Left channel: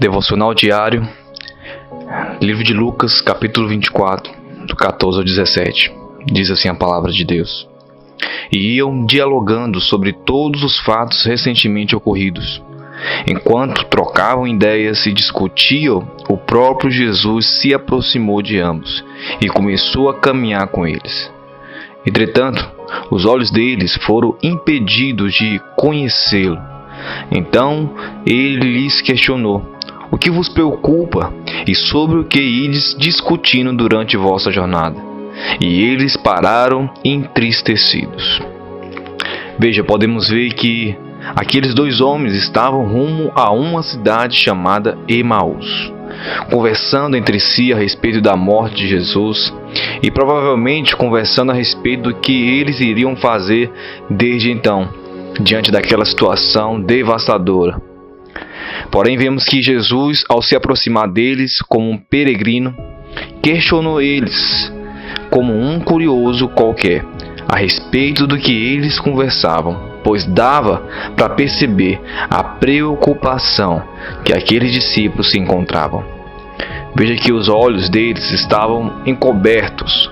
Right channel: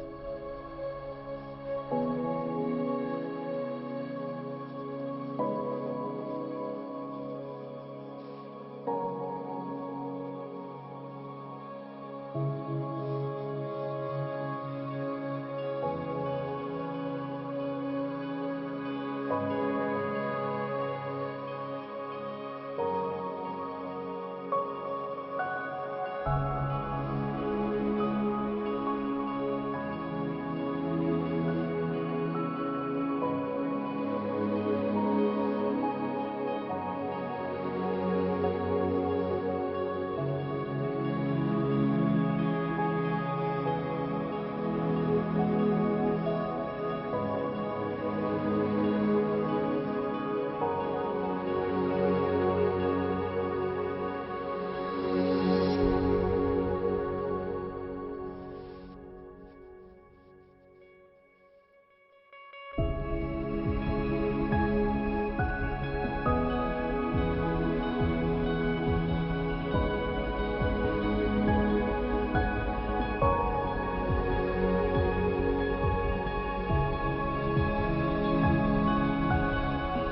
Devocional diário, livro de Lucas, capítulo 24, do 14 ao 17. Diz assim a palavra de Deus. E iam dialogando sobre todos os fatos recentemente ocorridos. Enquanto trocavam ideias e discutiam, o próprio Jesus se aproximou de ambos e começou a caminhar com eles. Entretanto, os olhos deles foram impedidos de conhecê-lo. Então ele lhes questionou: o que vos preocupa e sobre o que ides discutindo durante vossa jornada? E eles pararam entristecidos. Veja, podemos ver que aqueles dois homens estavam rumo a uma cidade chamada Emaús, conversando entre si a respeito da morte de Jesus e provavelmente conversando a respeito do que eles iriam fazer desde então, diante daquela situação devastadora. Porém, vemos que Jesus, ao se aproximar deles como um peregrino, questionou eles como um curioso qualquer a respeito do que eles conversavam, pois dava para perceber a preocupação que aqueles discípulos se encontravam. Veja que os olhos deles estavam encobertos,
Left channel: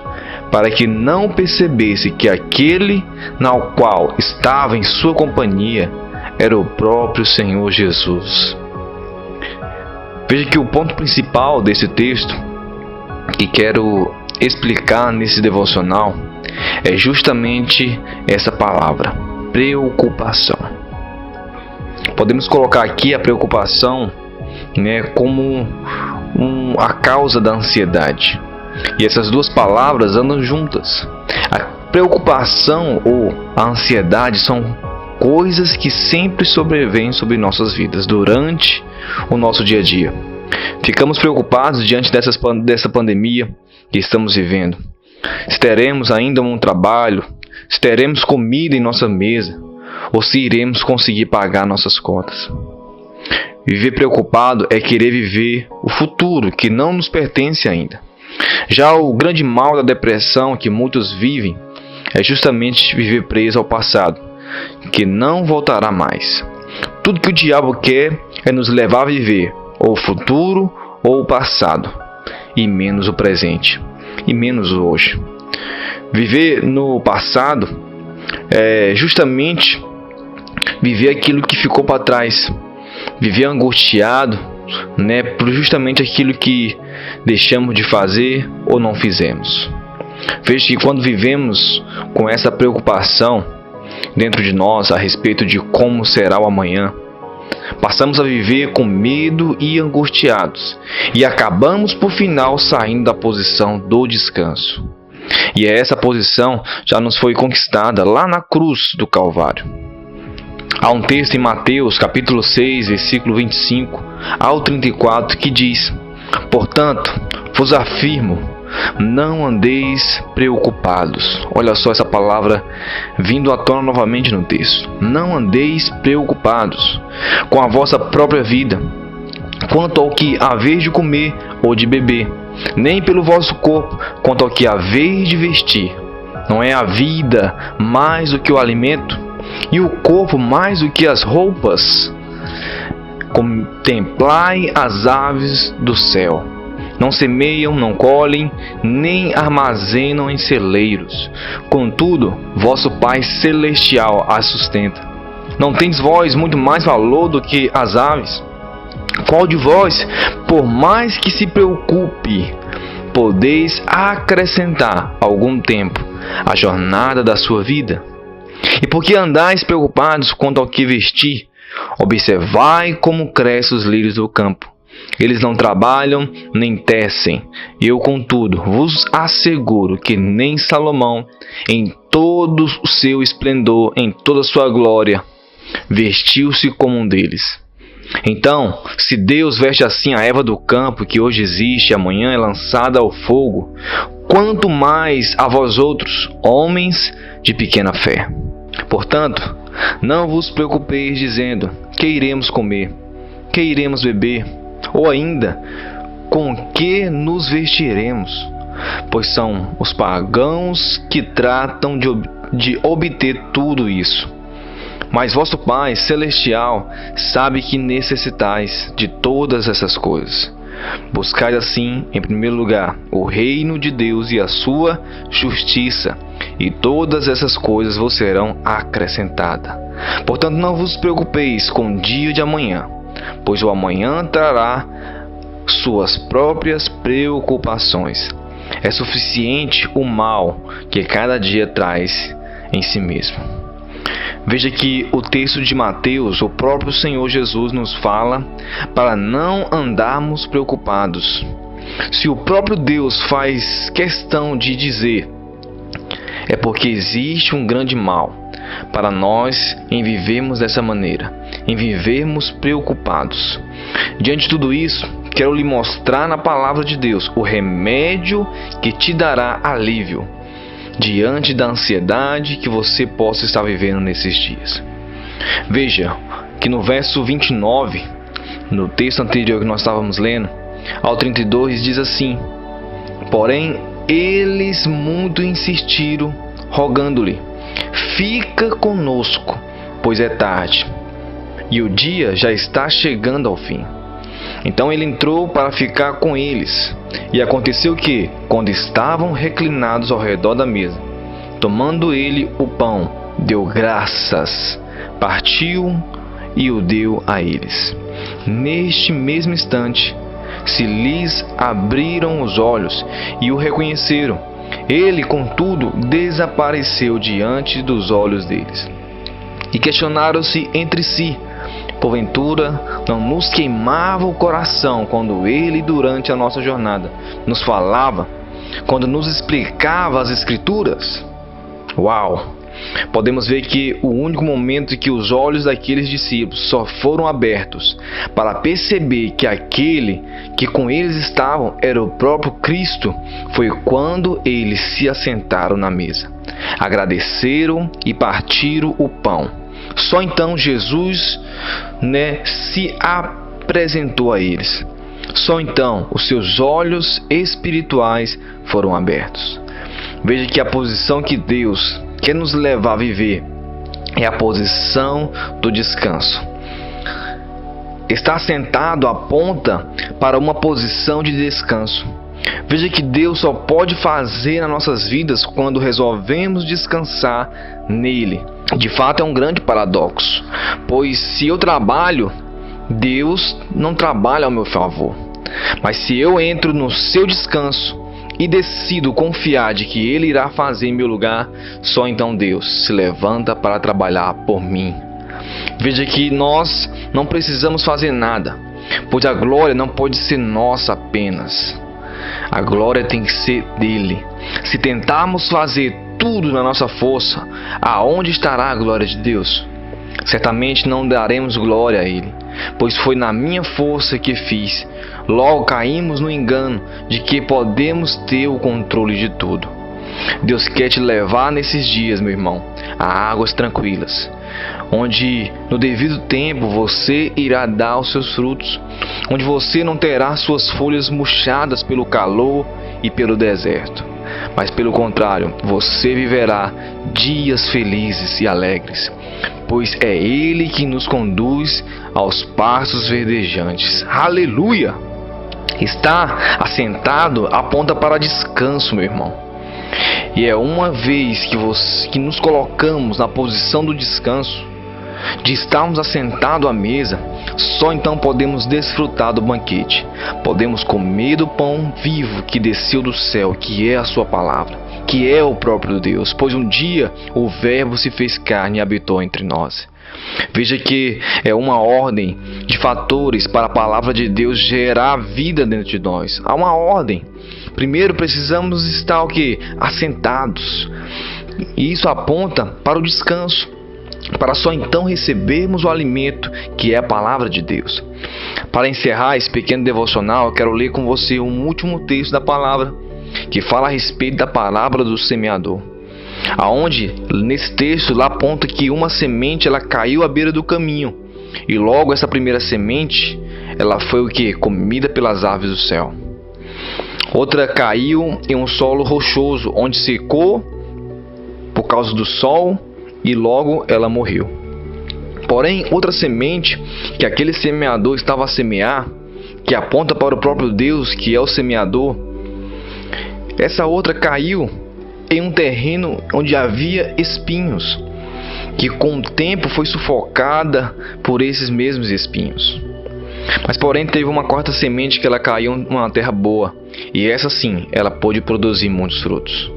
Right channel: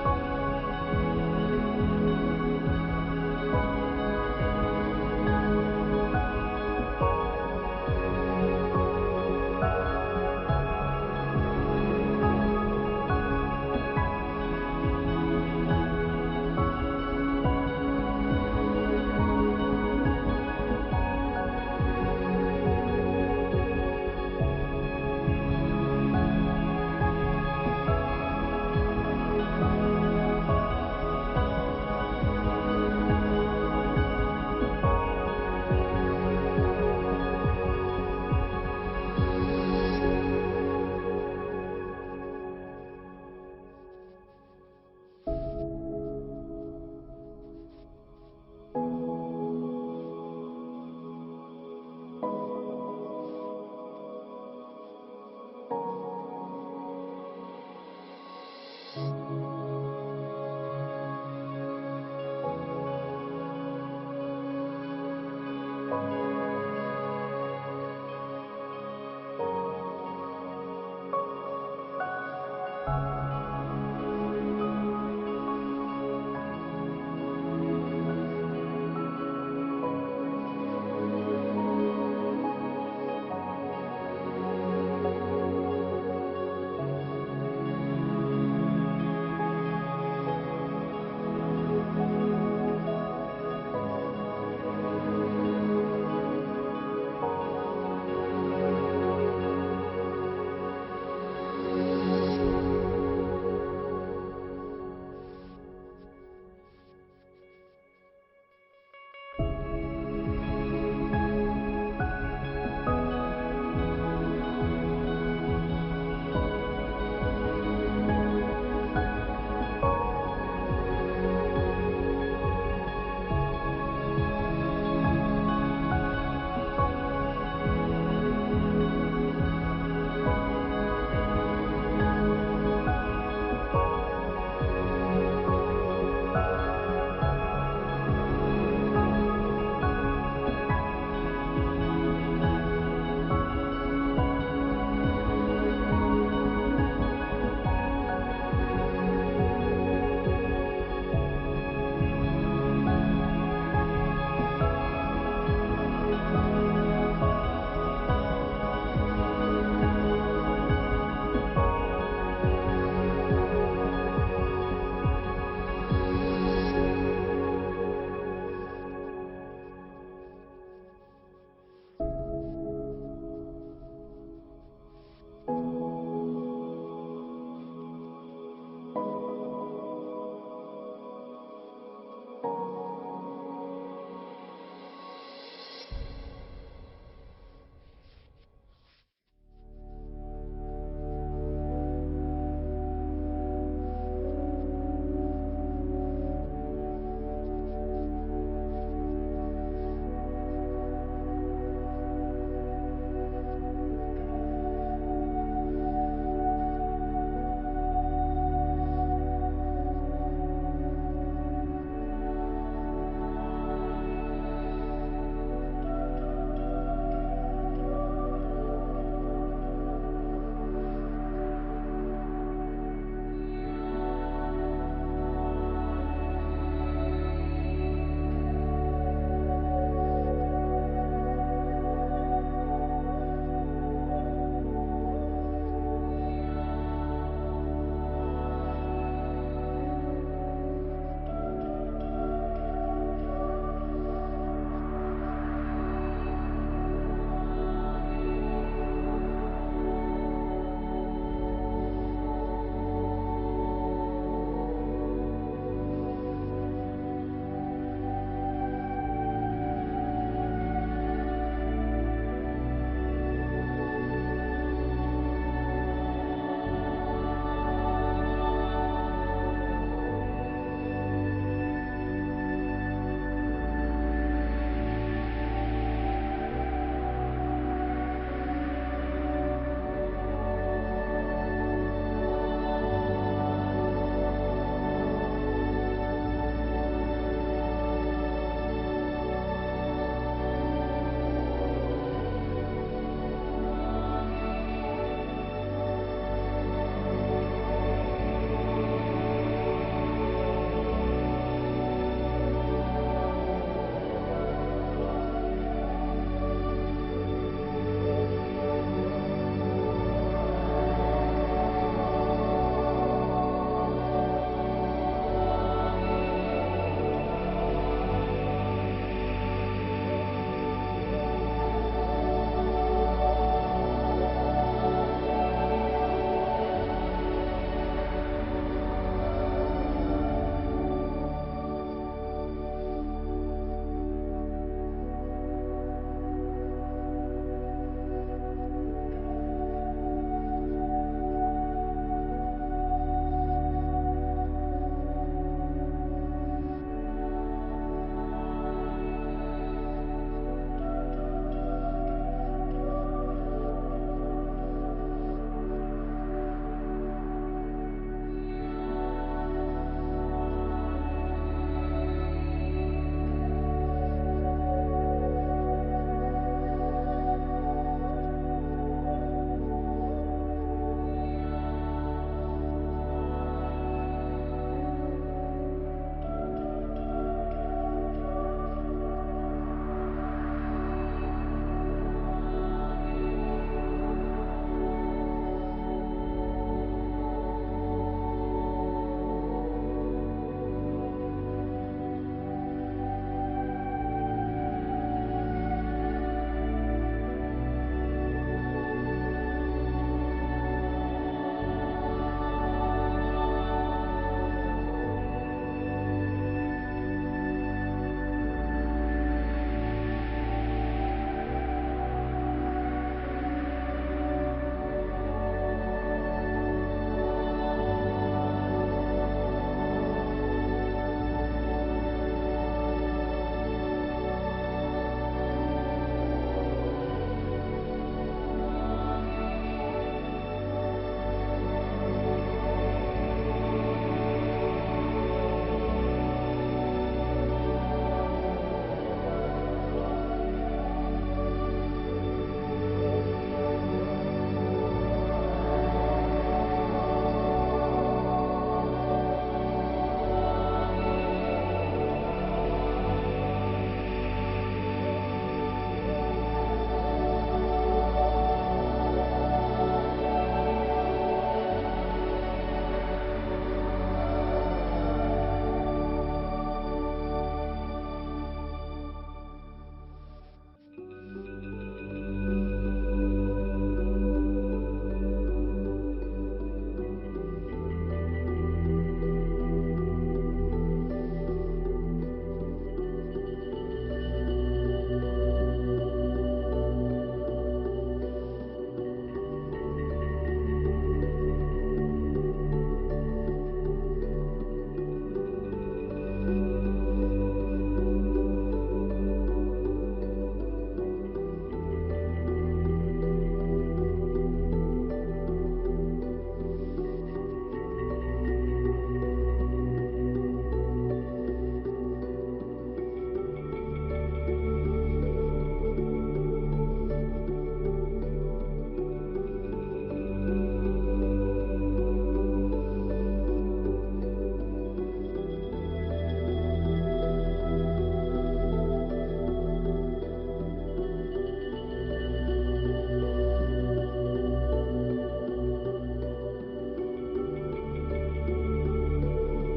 para que não percebesse que aquele na qual estava em sua companhia era o próprio Senhor Jesus. Veja que o ponto principal desse texto que quero explicar nesse devocional é justamente essa palavra, preocupação. Podemos colocar aqui a preocupação, como a causa da ansiedade. E essas duas palavras andam juntas. A preocupação ou a ansiedade são coisas que sempre sobrevêm sobre nossas vidas durante o nosso dia a dia. Ficamos preocupados diante dessa pandemia que estamos vivendo. Se teremos ainda um trabalho, se teremos comida em nossa mesa, ou se iremos conseguir pagar nossas contas. Viver preocupado é querer viver o futuro que não nos pertence ainda. Já o grande mal da depressão que muitos vivem é justamente viver preso ao passado, que não voltará mais. Tudo que o diabo quer é nos levar a viver ou o futuro ou o passado, e menos o presente, e menos o hoje. Viver no passado é justamente viver aquilo que ficou para trás, viver angustiado, por justamente aquilo que deixamos de fazer ou não fizemos. Veja que quando vivemos com essa preocupação dentro de nós a respeito de como será o amanhã, passamos a viver com medo e angustiados e acabamos por final saindo da posição do descanso. E essa posição já nos foi conquistada lá na cruz do Calvário. Há um texto em Mateus capítulo 6, versículo 25 ao 34 que diz: portanto, vos afirmo, não andeis preocupados. Olha só essa palavra vindo à tona novamente no texto. Não andeis preocupados com a vossa própria vida, quanto ao que haveis de comer ou de beber, nem pelo vosso corpo, quanto ao que haveis de vestir. Não é a vida mais do que o alimento, e o corpo mais do que as roupas? Contemplai as aves do céu. Não semeiam, não colhem, nem armazenam em celeiros. Contudo, vosso Pai Celestial as sustenta. Não tendes vós muito mais valor do que as aves? Qual de vós, por mais que se preocupe, podeis acrescentar algum tempo à jornada da sua vida? E por que andais preocupados quanto ao que vestir? Observai como crescem os lírios do campo. Eles não trabalham nem tecem. Eu, contudo, vos asseguro que nem Salomão, em todo o seu esplendor, em toda a sua glória, vestiu-se como um deles. Então, se Deus veste assim a erva do campo, que hoje existe e amanhã é lançada ao fogo, quanto mais a vós outros, homens de pequena fé. Portanto, não vos preocupeis dizendo: que iremos comer, que iremos beber, ou ainda, com que nos vestiremos? Pois são os pagãos que tratam de obter tudo isso. Mas vosso Pai celestial sabe que necessitais de todas essas coisas. Buscai assim, em primeiro lugar, o reino de Deus e a sua justiça, e todas essas coisas vos serão acrescentadas. Portanto, não vos preocupeis com o dia de amanhã, pois o amanhã trará suas próprias preocupações. É suficiente o mal que cada dia traz em si mesmo. Veja que o texto de Mateus, o próprio Senhor Jesus nos fala para não andarmos preocupados. Se o próprio Deus faz questão de dizer, é porque existe um grande mal para nós em vivermos dessa maneira, em vivermos preocupados. Diante de tudo isso, quero lhe mostrar na palavra de Deus o remédio que te dará alívio diante da ansiedade que você possa estar vivendo nesses dias. Veja que no verso 29, no texto anterior que nós estávamos lendo, ao 32 diz assim: porém eles muito insistiram, rogando-lhe: fica conosco, pois é tarde, e o dia já está chegando ao fim. Então ele entrou para ficar com eles. E aconteceu que, quando estavam reclinados ao redor da mesa, tomando ele o pão, deu graças, partiu e o deu a eles. Neste mesmo instante, se lhes abriram os olhos e o reconheceram. Ele, contudo, desapareceu diante dos olhos deles. E questionaram-se entre si: porventura não nos queimava o coração quando ele, durante a nossa jornada, nos falava, quando nos explicava as Escrituras? Uau! Podemos ver que o único momento em que os olhos daqueles discípulos só foram abertos para perceber que aquele que com eles estavam era o próprio Cristo foi quando eles se assentaram na mesa, agradeceram e partiram o pão. Só então Jesus se apresentou a eles. Só então os seus olhos espirituais foram abertos. Veja que a posição que Deus quer nos levar a viver é a posição do descanso. Estar sentado aponta para uma posição de descanso. Veja que Deus só pode fazer nas nossas vidas quando resolvemos descansar nele. De fato é um grande paradoxo, pois se eu trabalho, Deus não trabalha ao meu favor. Mas se eu entro no seu descanso e decido confiar de que Ele irá fazer em meu lugar, só então Deus se levanta para trabalhar por mim. Veja que nós não precisamos fazer nada, pois a glória não pode ser nossa apenas. A glória tem que ser dele. Se tentarmos fazer tudo na nossa força, aonde estará a glória de Deus? Certamente não daremos glória a Ele, pois foi na minha força que fiz. Logo caímos no engano de que podemos ter o controle de tudo. Deus quer te levar nesses dias, meu irmão, a águas tranquilas, onde no devido tempo você irá dar os seus frutos, onde você não terá suas folhas murchadas pelo calor e pelo deserto, mas pelo contrário, você viverá dias felizes e alegres, pois é Ele que nos conduz aos pastos verdejantes. Aleluia! Estar assentado aponta para descanso, meu irmão. E é uma vez que nos colocamos na posição do descanso, de estarmos assentados à mesa, só então podemos desfrutar do banquete. Podemos comer do pão vivo que desceu do céu, que é a sua palavra, que é o próprio Deus, pois um dia o Verbo se fez carne e habitou entre nós. Veja que é uma ordem de fatores para a palavra de Deus gerar vida dentro de nós. Há uma ordem. Primeiro precisamos estar assentados. E isso aponta para o descanso, para só então recebermos o alimento que é a palavra de Deus. Para encerrar esse pequeno devocional, eu quero ler com você um último texto da palavra, que fala a respeito da parábola do semeador. Aonde nesse texto lá aponta que uma semente ela caiu à beira do caminho, e logo essa primeira semente ela foi comida pelas aves do céu. Outra caiu em um solo rochoso, onde secou por causa do sol, e logo ela morreu. Porém, outra semente que aquele semeador estava a semear, que aponta para o próprio Deus, que é o semeador, essa outra caiu em um terreno onde havia espinhos, que com o tempo foi sufocada por esses mesmos espinhos. Mas porém teve uma quarta semente que ela caiu numa terra boa, e essa sim, ela pôde produzir muitos frutos.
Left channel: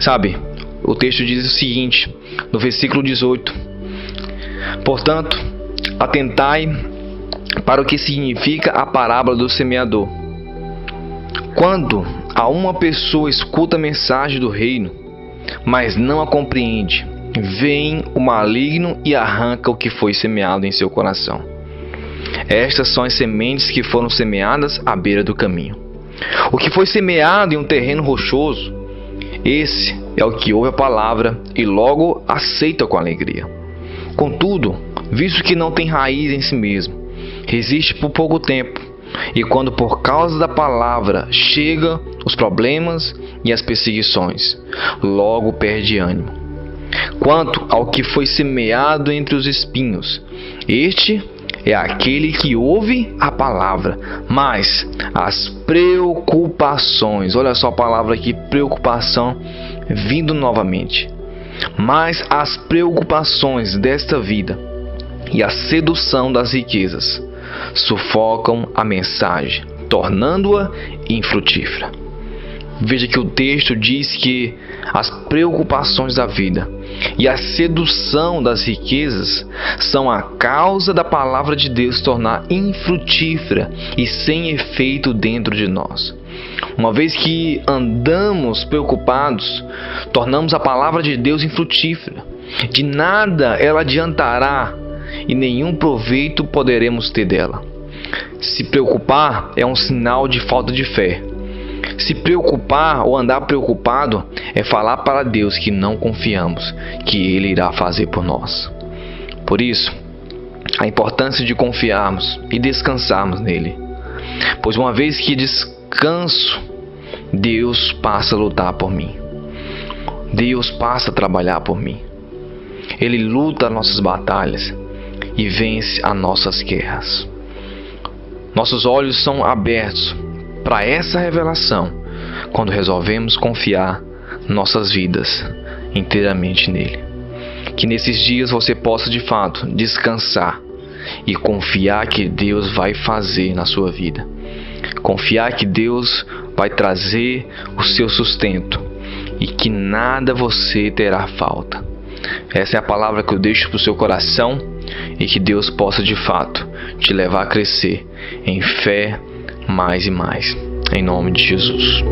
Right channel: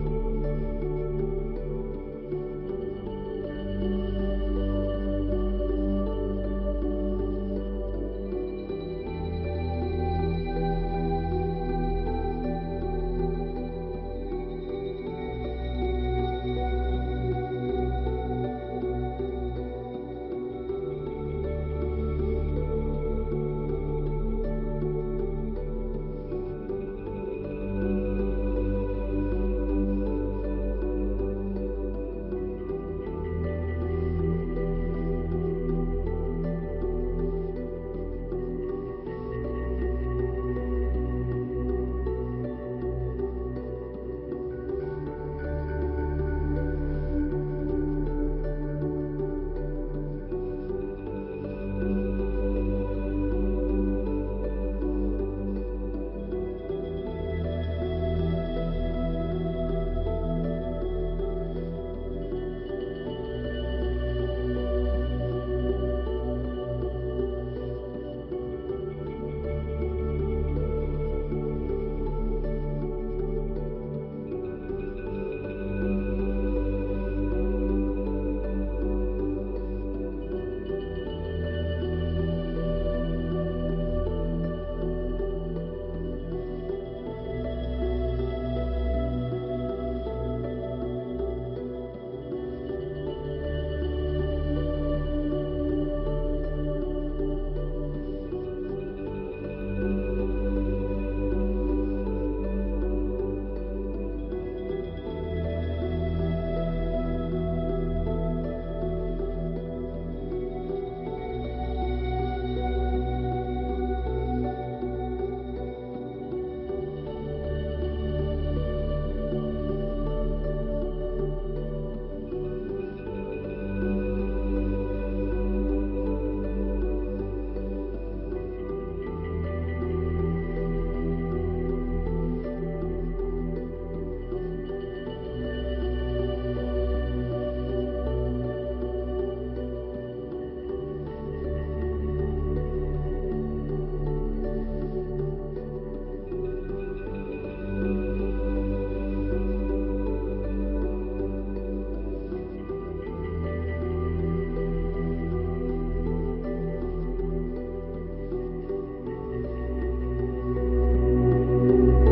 Sabe, o texto diz o seguinte, no versículo 18: portanto, atentai para o que significa a parábola do semeador. Quando a uma pessoa escuta a mensagem do reino, mas não a compreende, vem o maligno e arranca o que foi semeado em seu coração. Estas são as sementes que foram semeadas à beira do caminho. O que foi semeado em um terreno rochoso, esse é o que ouve a palavra e logo aceita com alegria. Contudo, visto que não tem raiz em si mesmo, resiste por pouco tempo, e quando por causa da palavra chegam os problemas e as perseguições, logo perde ânimo. Quanto ao que foi semeado entre os espinhos, este é aquele que ouve a palavra, mas as preocupações, olha só a palavra aqui, preocupação, vindo novamente, mas as preocupações desta vida e a sedução das riquezas sufocam a mensagem, tornando-a infrutífera. Veja que o texto diz que as preocupações da vida e a sedução das riquezas são a causa da palavra de Deus se tornar infrutífera e sem efeito dentro de nós. Uma vez que andamos preocupados, tornamos a palavra de Deus infrutífera. De nada ela adiantará e nenhum proveito poderemos ter dela. Se preocupar é um sinal de falta de fé. Se preocupar ou andar preocupado é falar para Deus que não confiamos que Ele irá fazer por nós. Por isso, a importância de confiarmos e descansarmos nele. Pois uma vez que descanso, Deus passa a lutar por mim. Deus passa a trabalhar por mim. Ele luta as nossas batalhas e vence as nossas guerras. Nossos olhos são abertos para essa revelação quando resolvemos confiar nossas vidas inteiramente nele. Que nesses dias você possa de fato descansar e confiar que Deus vai fazer na sua vida. Confiar que Deus vai trazer o seu sustento e que nada você terá falta. Essa é a palavra que eu deixo para o seu coração e que Deus possa de fato te levar a crescer em fé mais e mais. Em nome de Jesus.